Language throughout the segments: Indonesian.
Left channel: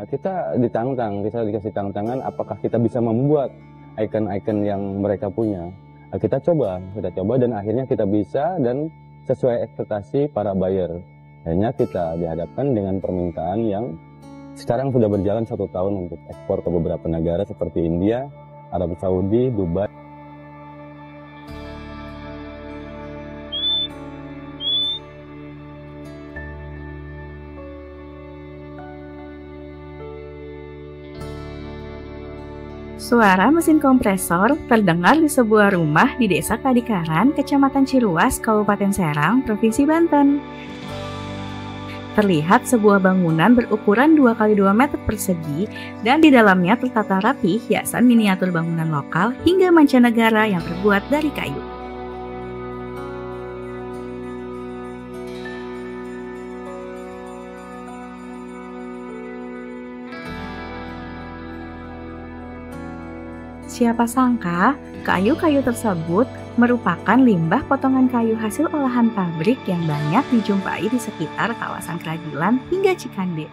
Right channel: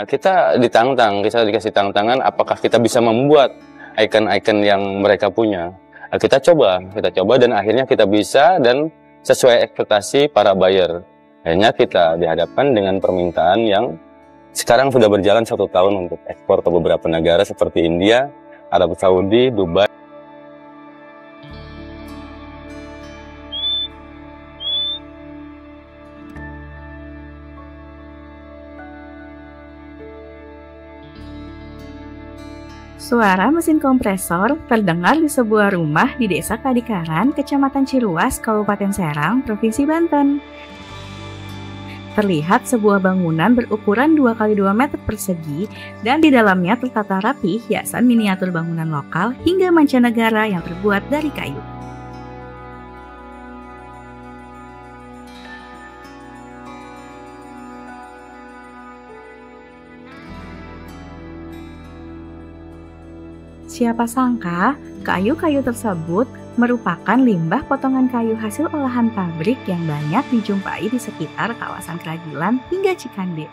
Kita dikasih tantangan apakah kita bisa membuat icon-icon yang mereka punya. Kita coba dan akhirnya kita bisa dan sesuai ekspektasi para buyer. Akhirnya kita dihadapkan dengan permintaan yang sekarang sudah berjalan 1 tahun untuk ekspor ke beberapa negara seperti India, Arab Saudi, Dubai. Suara mesin kompresor terdengar di sebuah rumah di Desa Kadikaran, Kecamatan Ciruas, Kabupaten Serang, Provinsi Banten. Terlihat sebuah bangunan berukuran 2x2 meter persegi dan di dalamnya tertata rapi hiasan miniatur bangunan lokal hingga mancanegara yang terbuat dari kayu. Siapa sangka, kayu-kayu tersebut merupakan limbah potongan kayu hasil olahan pabrik yang banyak dijumpai di sekitar kawasan Keragilan hingga Cikande.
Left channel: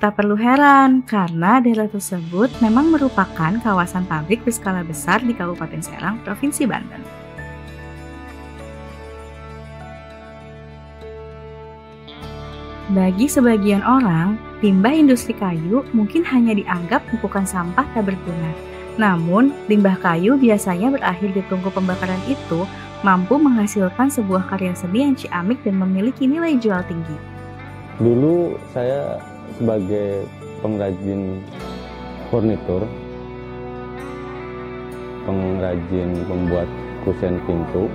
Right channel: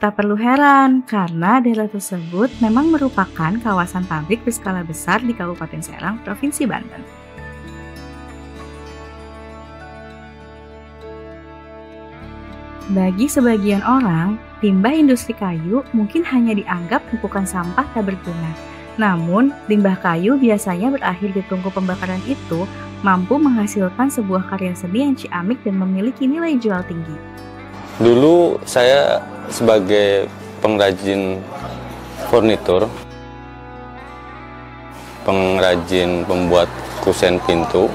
Tak perlu heran, karena daerah tersebut memang merupakan kawasan pabrik berskala besar di Kabupaten Serang, Provinsi Banten. Bagi sebagian orang, limbah industri kayu mungkin hanya dianggap tumpukan sampah tak berguna. Namun, limbah kayu biasanya berakhir di tungku pembakaran itu mampu menghasilkan sebuah karya seni yang ciamik dan memiliki nilai jual tinggi. Dulu saya sebagai pengrajin furnitur, pengrajin pembuat kusen pintu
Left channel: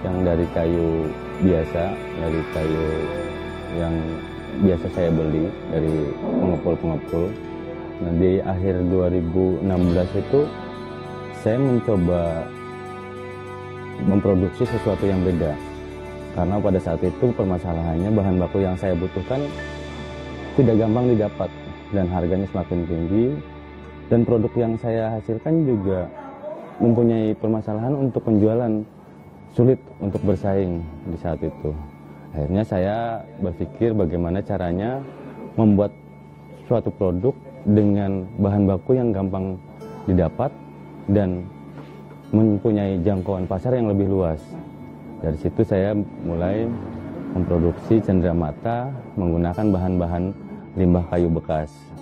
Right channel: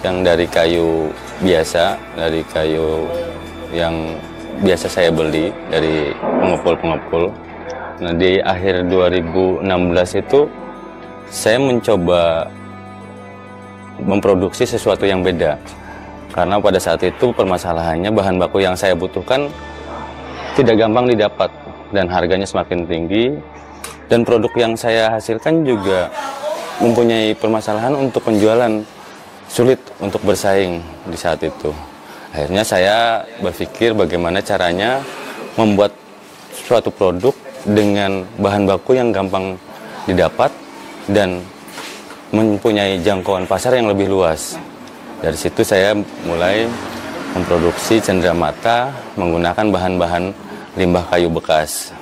yang dari kayu biasa, dari kayu yang biasa saya beli dari pengepul-pengepul. Nah, di akhir 2016 itu saya mencoba memproduksi sesuatu yang beda. Karena pada saat itu permasalahannya bahan baku yang saya butuhkan tidak gampang didapat dan harganya semakin tinggi. Dan produk yang saya hasilkan juga mempunyai permasalahan untuk penjualan, sulit untuk bersaing di saat itu. Akhirnya saya berpikir bagaimana caranya membuat suatu produk dengan bahan baku yang gampang didapat dan mempunyai jangkauan pasar yang lebih luas. Dari situ saya mulai memproduksi cenderamata menggunakan bahan-bahan limbah kayu bekas.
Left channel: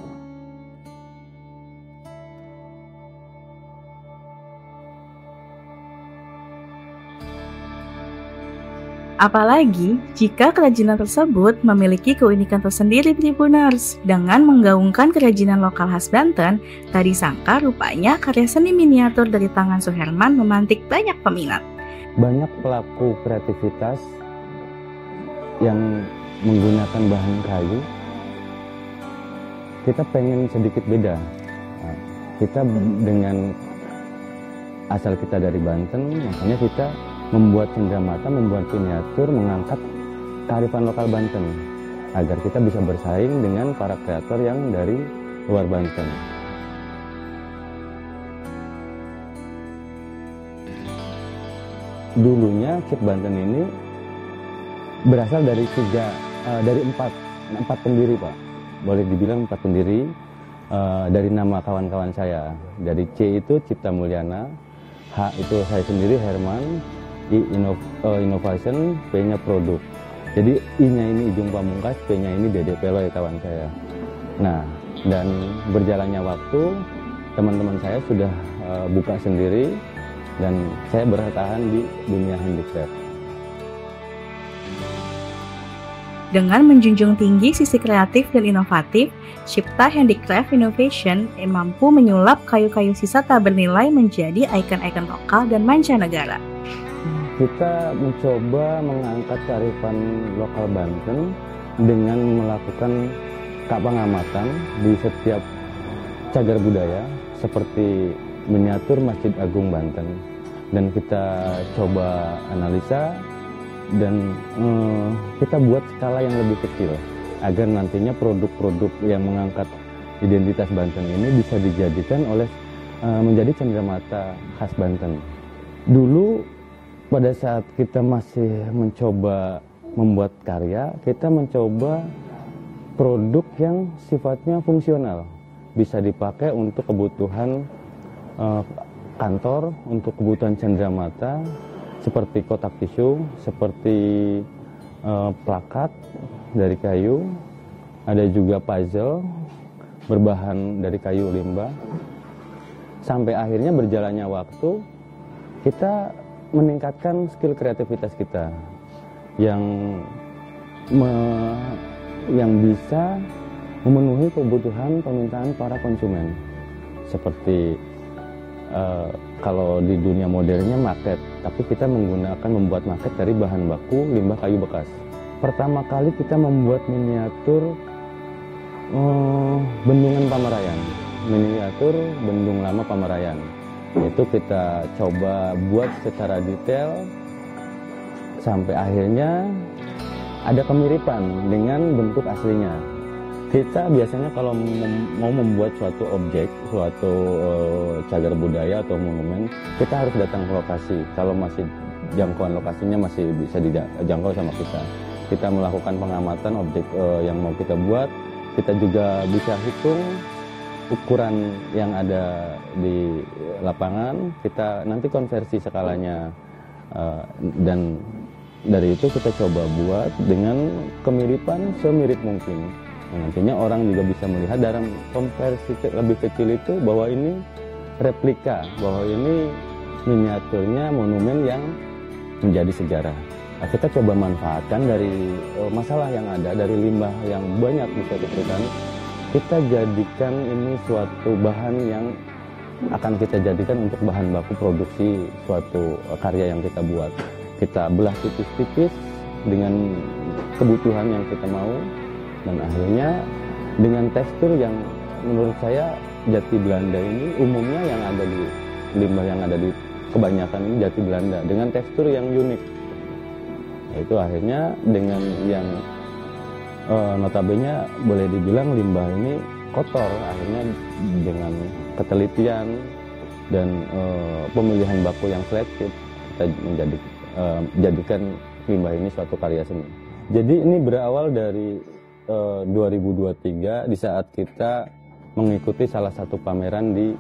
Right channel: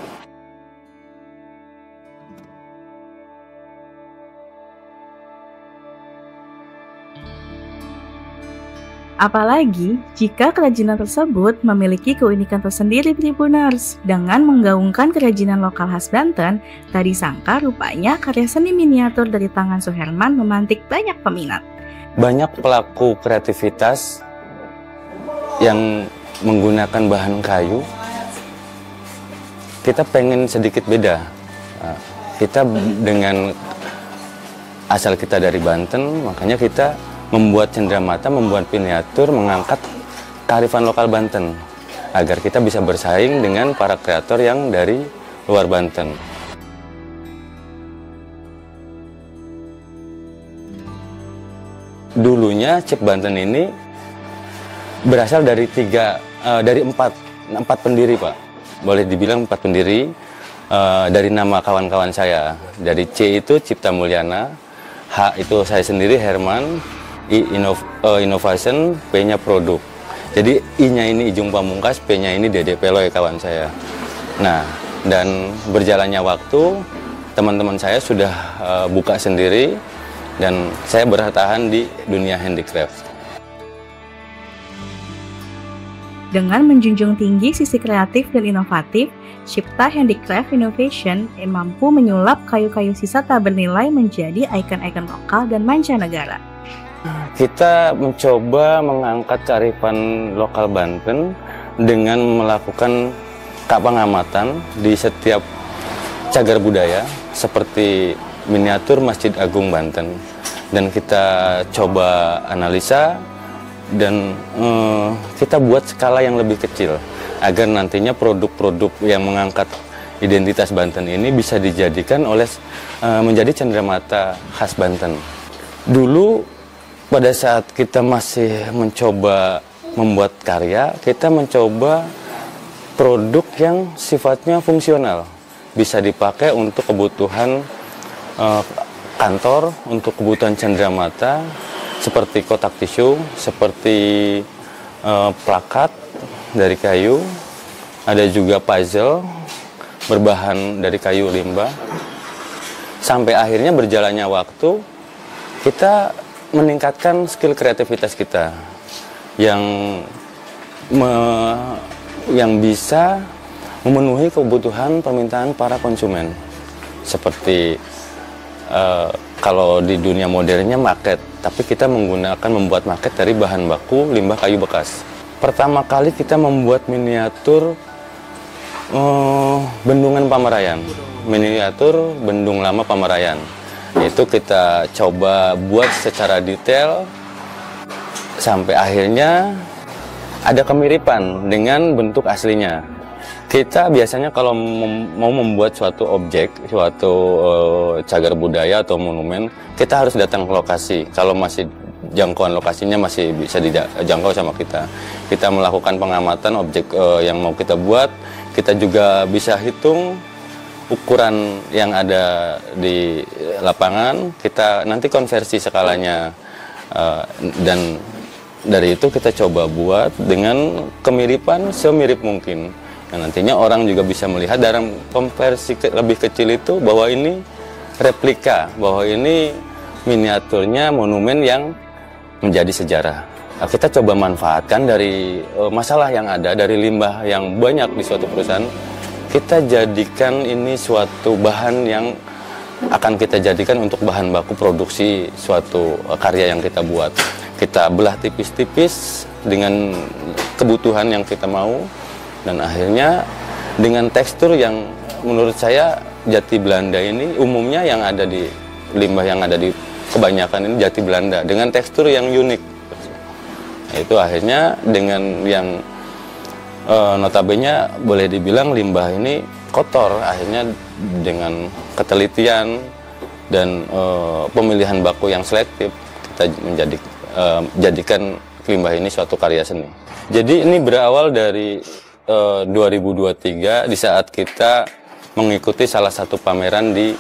Apalagi jika kerajinan tersebut memiliki keunikan tersendiri Tribuners. Dengan menggaungkan kerajinan lokal khas Banten, tak disangka rupanya karya seni miniatur dari tangan Suherman memantik banyak peminat. Banyak pelaku kreativitas yang menggunakan bahan kayu, kita pengen sedikit beda. Kita dengan asal kita dari Banten, makanya kita membuat cenderamata, membuat miniatur, mengangkat kearifan lokal Banten agar kita bisa bersaing dengan para kreator yang dari luar Banten. Dulunya Chip Banten ini berasal dari empat pendiri, Pak. Boleh dibilang 4 pendiri dari nama kawan-kawan saya. Dari C itu Cipta Mulyana, H itu saya sendiri Herman, I Innovation, P-nya produk. Jadi I-nya ini Ijung Pamungkas, P-nya ini Dede Peloy kawan saya. Nah, dan berjalannya waktu, teman-teman saya sudah buka sendiri dan saya bertahan di dunia handicraft. Dengan menjunjung tinggi sisi kreatif dan inovatif, Cipta Handicraft Innovation mampu menyulap kayu-kayu sisa tak bernilai menjadi ikon-ikon lokal dan mancanegara. Kita mencoba mengangkat kearifan lokal Banten dengan melakukan pengamatan di setiap cagar budaya seperti miniatur Masjid Agung Banten. Dan kita coba analisa dan kita buat skala yang lebih kecil agar nantinya produk-produk yang mengangkat identitas Banten ini bisa dijadikan menjadi cenderamata khas Banten. Dulu pada saat kita masih mencoba membuat karya, kita mencoba produk yang sifatnya fungsional, bisa dipakai untuk kebutuhan kantor, untuk kebutuhan cenderamata, seperti kotak tisu, seperti plakat dari kayu, ada juga puzzle berbahan dari kayu limbah. Sampai akhirnya berjalannya waktu, kita meningkatkan skill kreativitas kita yang bisa memenuhi kebutuhan permintaan para konsumen. Seperti kalau di dunia modernnya market, tapi kita membuat market dari bahan baku limbah kayu bekas. Pertama kali kita membuat miniatur bendungan Pamerayan, miniatur bendung lama Pamerayan. Itu kita coba buat secara detail sampai akhirnya ada kemiripan dengan bentuk aslinya. Kita biasanya kalau mau membuat suatu objek, suatu cagar budaya atau monumen, kita harus datang ke lokasi. Kalau masih jangkauan lokasinya masih bisa dijangkau sama kita. Kita melakukan pengamatan objek yang mau kita buat. Kita juga bisa hitung ukuran yang ada di lapangan. Kita nanti konversi skalanya dan dari itu kita coba buat dengan kemiripan semirip mungkin. Nah, nantinya orang juga bisa melihat dalam konversi lebih kecil itu bahwa ini replika, bahwa ini miniaturnya monumen yang menjadi sejarah. Nah, kita coba manfaatkan dari masalah yang ada, dari limbah yang banyak di suatu perusahaan, kita jadikan ini suatu bahan yang akan kita jadikan untuk bahan baku produksi suatu karya yang kita buat. Kita belah tipis-tipis dengan kebutuhan yang kita mau, dan akhirnya dengan tekstur yang menurut saya jati Belanda ini umumnya yang ada di limbah yang ada di kebanyakan ini jati Belanda dengan tekstur yang unik. Nah, itu akhirnya dengan yang notabene boleh dibilang limbah ini kotor, akhirnya dengan ketelitian dan pemilihan baku yang selektif kita jadikan limbah ini suatu karya seni. Jadi ini berawal dari 2023 di saat kita mengikuti salah satu pameran di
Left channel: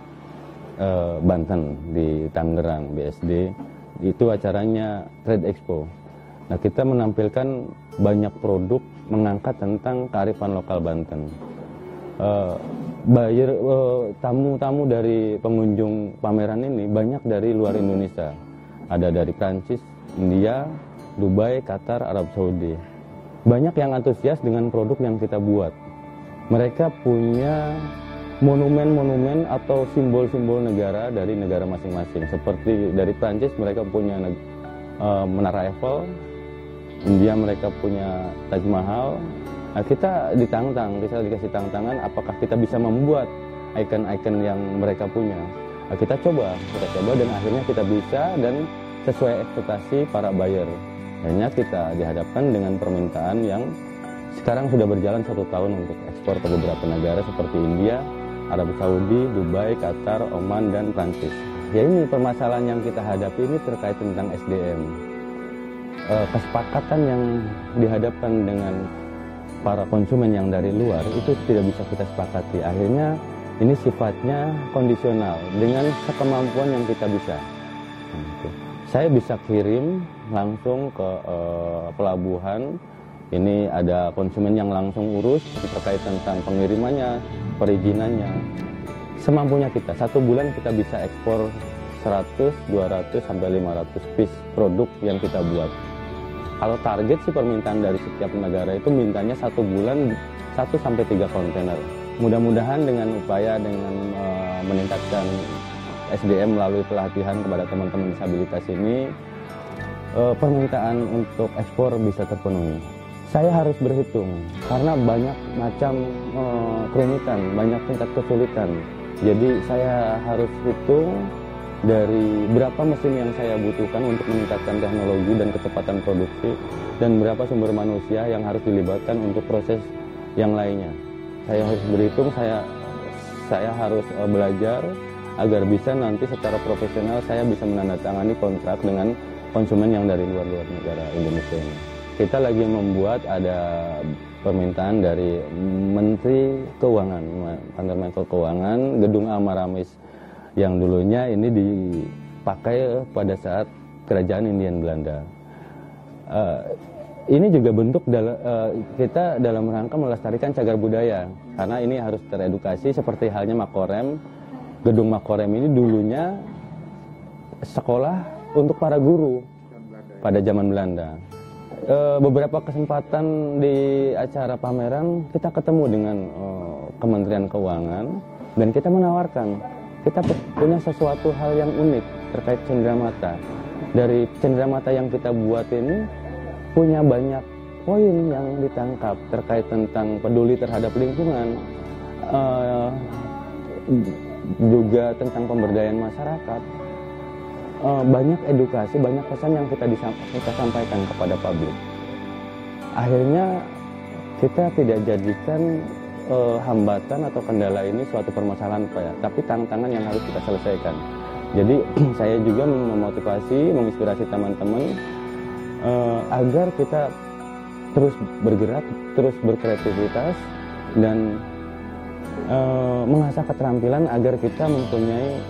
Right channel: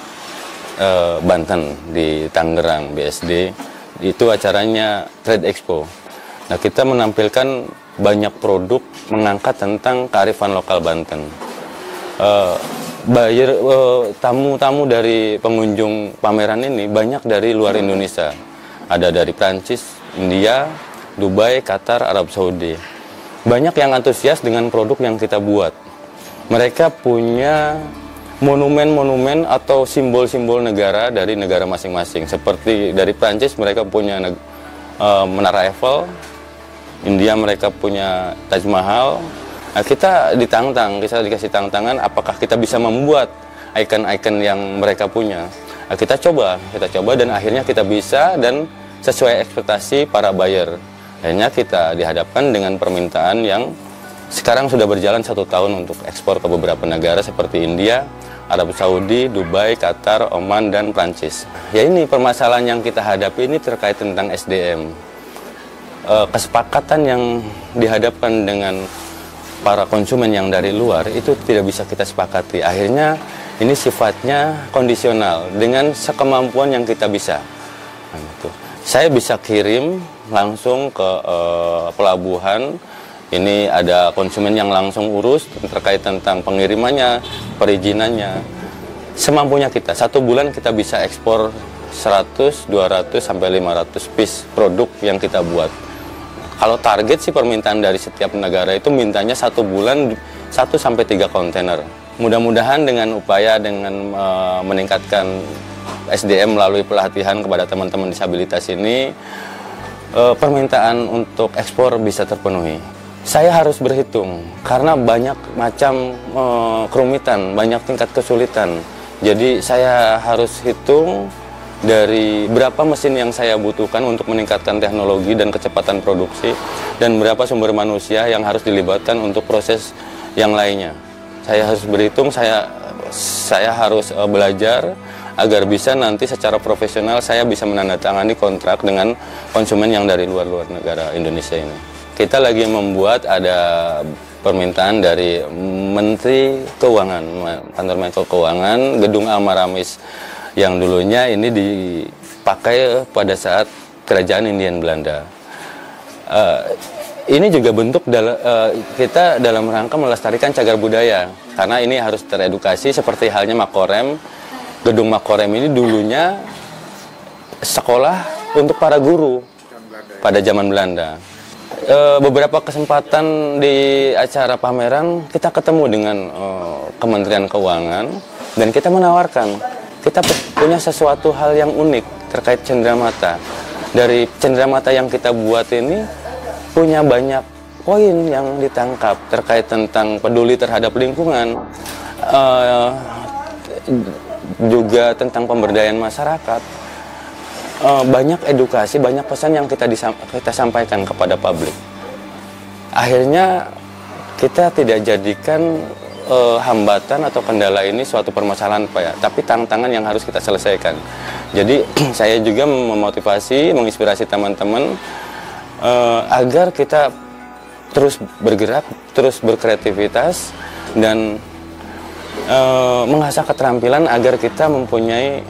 Banten, di Tangerang, BSD. Itu acaranya Trade Expo. Nah, kita menampilkan banyak produk mengangkat tentang kearifan lokal Banten. Tamu-tamu dari pengunjung pameran ini banyak dari luar Indonesia. Ada dari Prancis, India, Dubai, Qatar, Arab Saudi. Banyak yang antusias dengan produk yang kita buat. Mereka punya monumen-monumen atau simbol-simbol negara dari negara masing-masing. Seperti dari Prancis mereka punya Menara Eiffel, India mereka punya Taj Mahal. Nah, kita dikasih tantangan apakah kita bisa membuat ikon-ikon yang mereka punya. Nah, kita coba dan akhirnya kita bisa dan sesuai ekspektasi para buyer. Akhirnya kita dihadapkan dengan permintaan yang sekarang sudah berjalan 1 tahun untuk ekspor ke beberapa negara seperti India, Arab Saudi, Dubai, Qatar, Oman, dan Prancis. Ya, ini permasalahan yang kita hadapi ini terkait tentang SDM. Kesepakatan yang dihadapkan dengan para konsumen yang dari luar itu tidak bisa kita sepakati. Akhirnya ini sifatnya kondisional dengan sekemampuan yang kita bisa. Nah, itu. Saya bisa kirim langsung ke pelabuhan. Ini ada konsumen yang langsung urus terkait tentang pengirimannya, perizinannya. Semampunya kita, 1 bulan kita bisa ekspor 100, 200, sampai 500 piece produk yang kita buat. Kalau target sih permintaan dari setiap negara itu mintanya 1 bulan 1 sampai 3 kontainer. Mudah-mudahan dengan upaya dengan meningkatkan SDM melalui pelatihan kepada teman-teman disabilitas ini, permintaan untuk ekspor bisa terpenuhi. Saya harus berhitung karena banyak macam kerumitan, banyak tingkat kesulitan. Jadi saya harus hitung dari berapa mesin yang saya butuhkan untuk meningkatkan teknologi dan kecepatan produksi, dan berapa sumber manusia yang harus dilibatkan untuk proses yang lainnya. Saya harus berhitung, saya harus belajar agar bisa nanti secara profesional saya bisa menandatangani kontrak dengan konsumen yang dari luar negara Indonesia ini. kita lagi membuat ada permintaan dari Menteri Keuangan, kantor Menko Keuangan, gedung Almaramis yang dulunya ini dipakai pada saat kerajaan Hindia Belanda. Ini juga bentuk kita dalam rangka melestarikan cagar budaya, karena ini harus teredukasi seperti halnya Makorem. Gedung Makorem ini dulunya sekolah untuk para guru pada zaman Belanda. Beberapa kesempatan di acara pameran kita ketemu dengan Kementerian Keuangan dan kita menawarkan kita punya sesuatu hal yang unik terkait cenderamata. Dari cenderamata yang kita buat ini punya banyak poin yang ditangkap terkait tentang peduli terhadap lingkungan, juga tentang pemberdayaan masyarakat. Banyak edukasi, banyak pesan yang kita sampaikan kepada publik. Akhirnya kita tidak jadikan hambatan atau kendala ini suatu permasalahan, Pak, ya, tapi tantangan yang harus kita selesaikan. Jadi saya juga memotivasi, menginspirasi teman-teman agar kita terus bergerak, terus berkreativitas, dan mengasah keterampilan agar kita mempunyai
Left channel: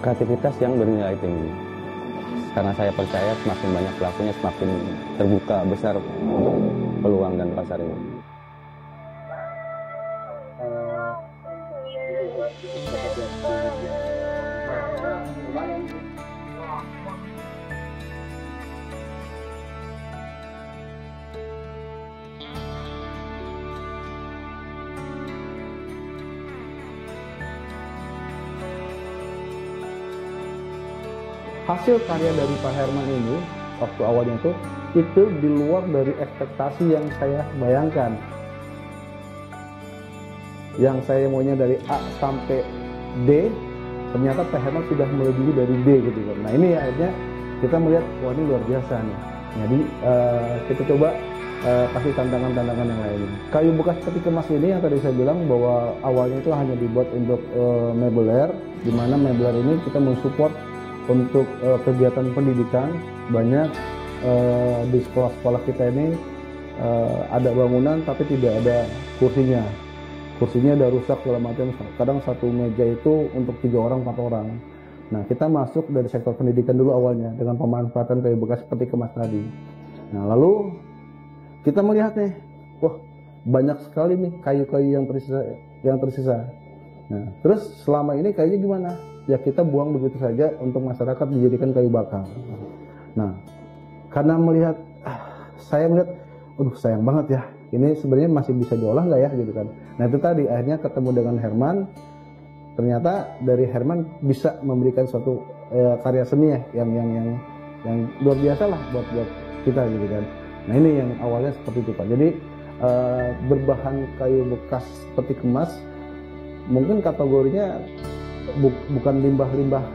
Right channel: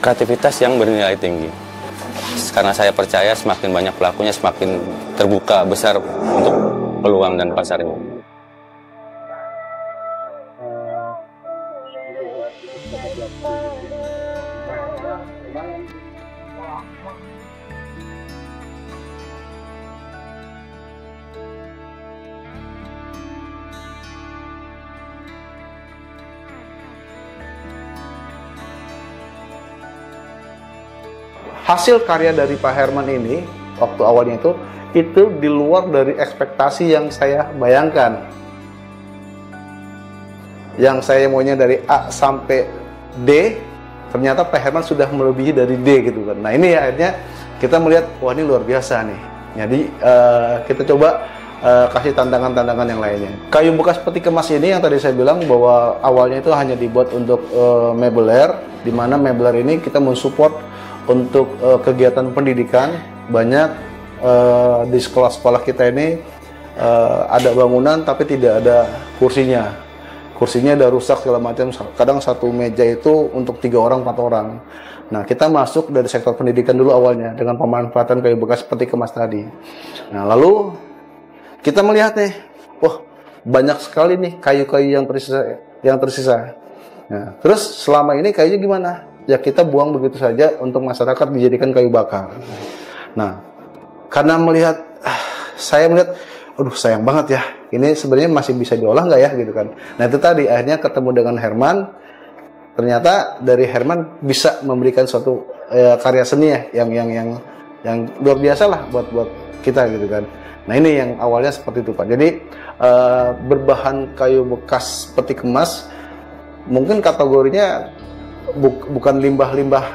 kreativitas yang bernilai tinggi. Karena saya percaya semakin banyak pelakunya, semakin terbuka besar untuk peluang dan pasar ini. Hasil karya dari Pak Herman ini, waktu awalnya itu di luar dari ekspektasi yang saya bayangkan. Yang saya maunya dari A sampai D, ternyata Pak Herman sudah melebihi dari D gitu kan. Nah ini ya, akhirnya kita melihat, wah ini luar biasa nih. Jadi kita coba kasih tantangan-tantangan yang lainnya. Kayu bekas peti kemas ini yang tadi saya bilang bahwa awalnya itu hanya dibuat untuk meubiler, di mana meubiler ini kita mensupport untuk kegiatan pendidikan. Banyak di sekolah-sekolah kita ini ada bangunan tapi tidak ada kursinya. Kursinya udah rusak segala macam. Kadang satu meja itu untuk 3 orang, 4 orang. Nah, kita masuk dari sektor pendidikan dulu awalnya dengan pemanfaatan kayu bekas peti kemas tadi. Nah, lalu kita melihat nih, wah banyak sekali nih kayu-kayu yang tersisa. Nah, terus selama ini kayunya gimana? Ya kita buang begitu saja untuk masyarakat dijadikan kayu bakar. Nah, karena saya melihat, aduh sayang banget ya, ini sebenarnya masih bisa diolah nggak ya gitu kan. Nah itu tadi akhirnya ketemu dengan Herman, ternyata dari Herman bisa memberikan suatu karya seni ya, yang luar biasa lah buat kita gitu kan. Nah ini yang awalnya seperti itu Pak. Jadi berbahan kayu bekas peti kemas, mungkin kategorinya bukan limbah-limbah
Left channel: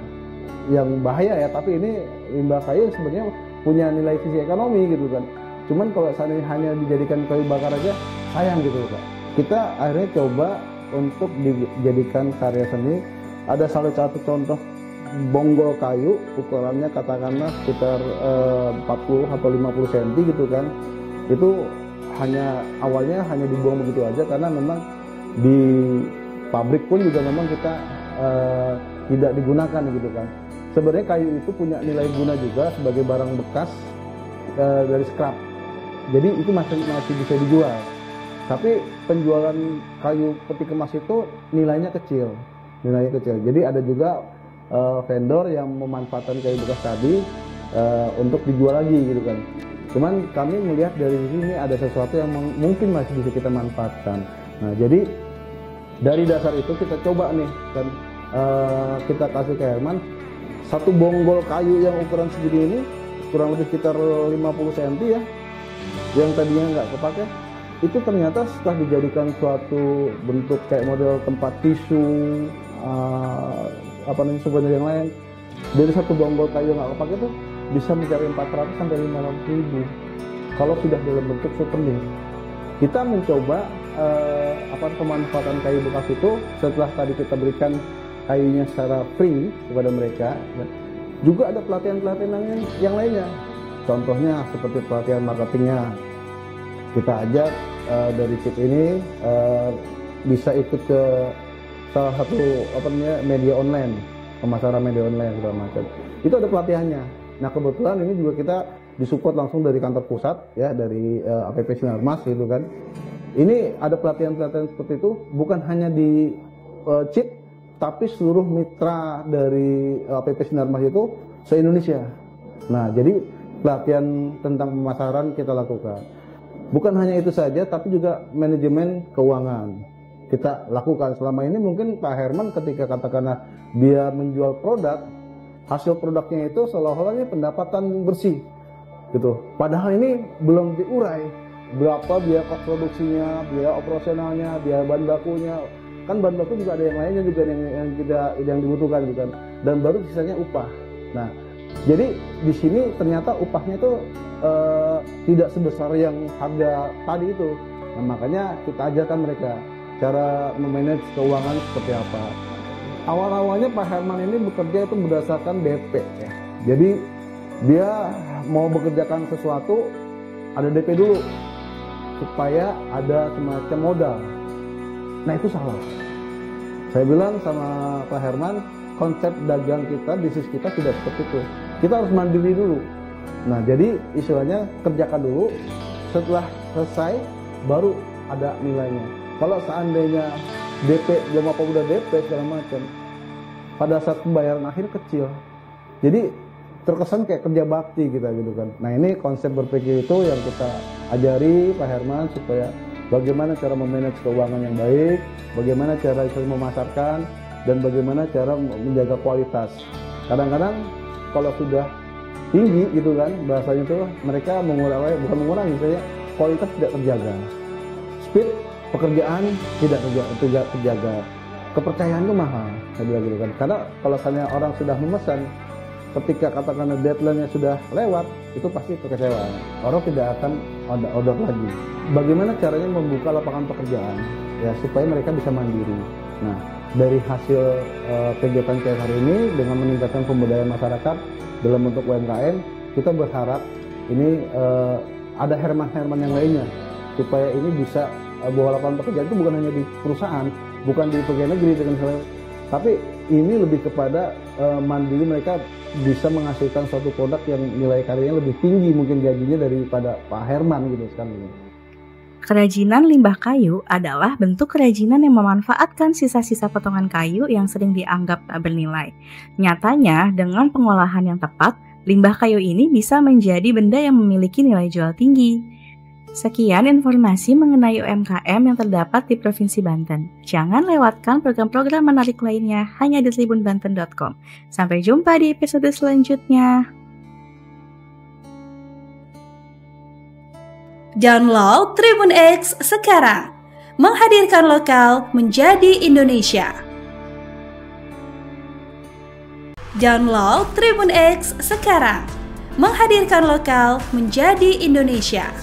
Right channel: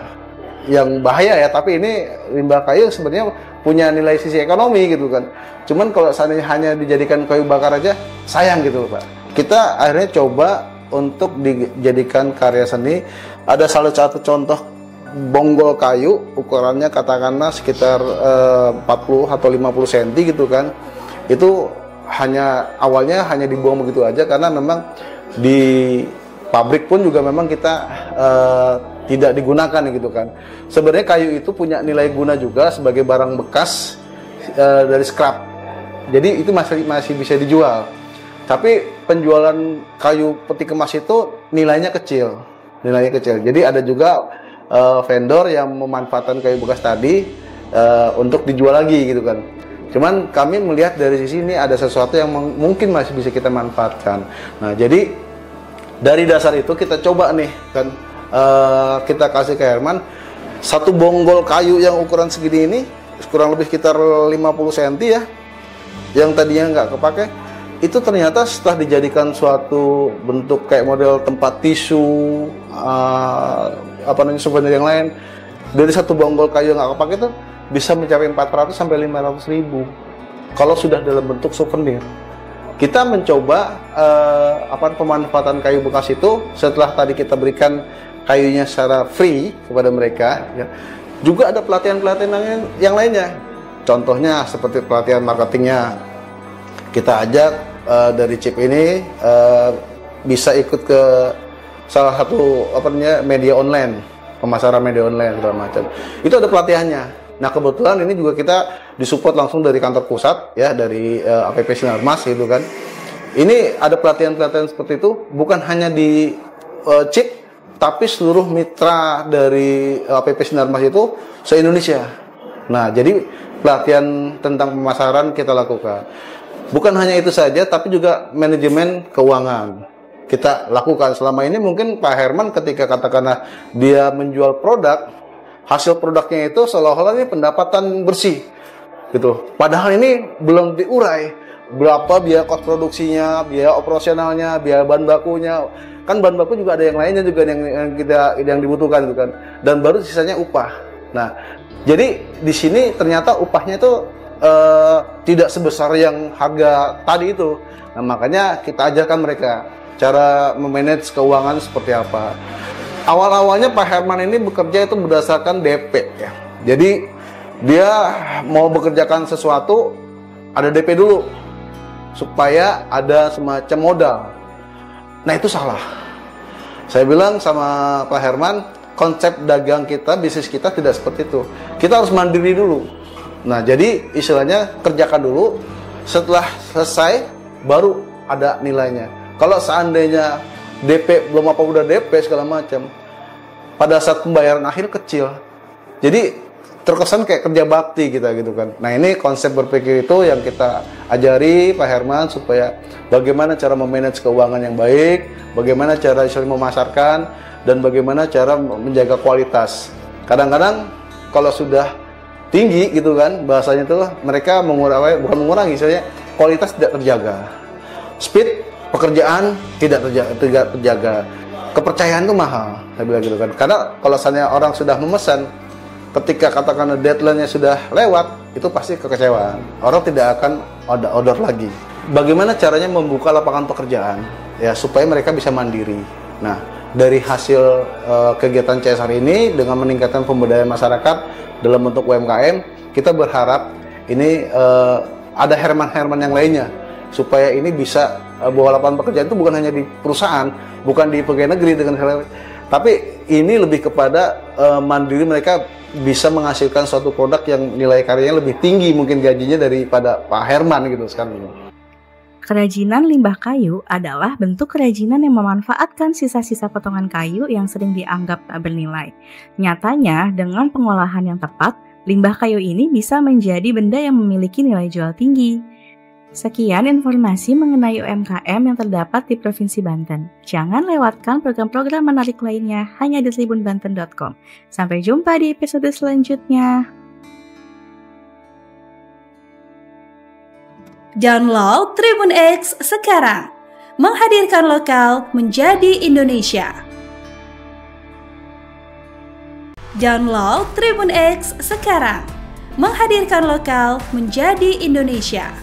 yang bahaya ya, tapi ini limbah kayu sebenarnya punya nilai sisi ekonomi gitu kan. Cuman kalau seandainya hanya dijadikan kayu bakar aja sayang gitu Pak. Kita akhirnya coba untuk dijadikan karya seni. Ada salah satu contoh bonggol kayu, ukurannya katakanlah sekitar 40 atau 50 cm gitu kan. Itu awalnya hanya dibuang begitu aja, karena memang di pabrik pun juga memang kita tidak digunakan gitu kan. Sebenarnya kayu itu punya nilai guna juga sebagai barang bekas dari scrap. Jadi itu masih bisa dijual. Tapi penjualan kayu peti kemas itu nilainya kecil. Jadi ada juga vendor yang memanfaatkan kayu bekas tadi untuk dijual lagi gitu kan. Cuman kami melihat dari sisi ini ada sesuatu yang mungkin masih bisa kita manfaatkan. Nah, jadi dari dasar itu kita coba nih kan, kita kasih ke Herman satu bonggol kayu yang ukuran segini ini, kurang lebih sekitar 50 cm ya, yang tadinya nggak kepake, itu ternyata setelah dijadikan suatu bentuk kayak model tempat tisu, souvenir yang lain, dari satu bonggol kayu yang nggak kepake itu bisa mencapai 400 sampai 500 ribu kalau sudah dalam bentuk souvenir. Kita mencoba pemanfaatan kayu bekas itu setelah tadi kita berikan kayunya secara free kepada mereka. Ya. Juga ada pelatihan-pelatihan yang lainnya. Contohnya seperti pelatihan marketingnya, kita ajak dari chip ini bisa ikut ke salah satu media online, pemasaran media online segala macam. Itu ada pelatihannya. Nah kebetulan ini juga kita disupport langsung dari kantor pusat ya, dari APP Sinarmas gitu kan. Ini ada pelatihan-pelatihan seperti itu bukan hanya di chip, tapi seluruh mitra dari APP Sinarmas itu se-Indonesia. Nah jadi pelatihan tentang pemasaran kita lakukan. Bukan hanya itu saja, tapi juga manajemen keuangan kita lakukan. Selama ini mungkin Pak Herman ketika katakanlah dia menjual produk, hasil produknya itu seolah-olah ini pendapatan bersih gitu. Padahal ini belum diurai berapa biaya kos produksinya, biaya operasionalnya, biaya bahan bakunya. Kan bahan baku juga ada yang lainnya juga yang dibutuhkan gitu kan. Dan baru sisanya upah. Nah, jadi di sini ternyata upahnya itu tidak sebesar yang harga tadi itu. Nah, makanya kita ajarkan mereka cara memanage keuangan seperti apa. Awal-awalnya Pak Herman ini bekerja itu berdasarkan DP ya. Jadi dia mau bekerjakan sesuatu ada DP dulu supaya ada semacam modal. Nah itu salah. Saya bilang sama Pak Herman, konsep dagang kita, bisnis kita tidak seperti itu. Kita harus mandiri dulu. Nah jadi istilahnya kerjakan dulu, setelah selesai baru ada nilainya. Kalau seandainya DP belum apa udah DP segala macam, pada saat pembayaran akhir kecil. Jadi terkesan kayak kerja bakti kita gitu kan. Nah ini konsep berpikir itu yang kita ajari Pak Herman supaya bagaimana cara memanage keuangan yang baik, bagaimana cara memasarkan, dan bagaimana cara menjaga kualitas. Kadang-kadang kalau sudah tinggi gitu kan, bahasanya itu mereka bukan mengurangi, misalnya kualitas tidak terjaga, speed pekerjaan tidak terjaga, kepercayaan itu mahal, saya bilang gitu kan. Karena kalau misalnya orang sudah memesan, ketika katakan deadline-nya sudah lewat, itu pasti kekecewaan. Orang tidak akan order lagi. Bagaimana caranya membuka lapangan pekerjaan ya supaya mereka bisa mandiri. Nah, dari hasil kegiatan CSR ini dengan meningkatkan pemberdayaan masyarakat dalam bentuk UMKM, kita berharap ini ada Herman-Herman yang lainnya supaya ini bisa bahwa lapangan pekerjaan itu bukan hanya di perusahaan, bukan di pegawai negeri dengan hal, tapi ini lebih kepada mandiri, mereka bisa menghasilkan suatu produk yang nilai karyanya lebih tinggi mungkin gajinya daripada Pak Herman gitu sekarang ini. Kerajinan limbah kayu adalah bentuk kerajinan yang memanfaatkan sisa-sisa potongan kayu yang sering dianggap tak bernilai. Nyatanya, dengan pengolahan yang tepat, limbah kayu ini bisa menjadi benda yang memiliki nilai jual tinggi. Sekian informasi mengenai UMKM yang terdapat di Provinsi Banten. Jangan lewatkan program-program menarik lainnya hanya di tribunbanten.com. Sampai jumpa di episode selanjutnya. Download Tribun X sekarang, menghadirkan lokal menjadi Indonesia. Download Tribun X sekarang, menghadirkan lokal menjadi Indonesia.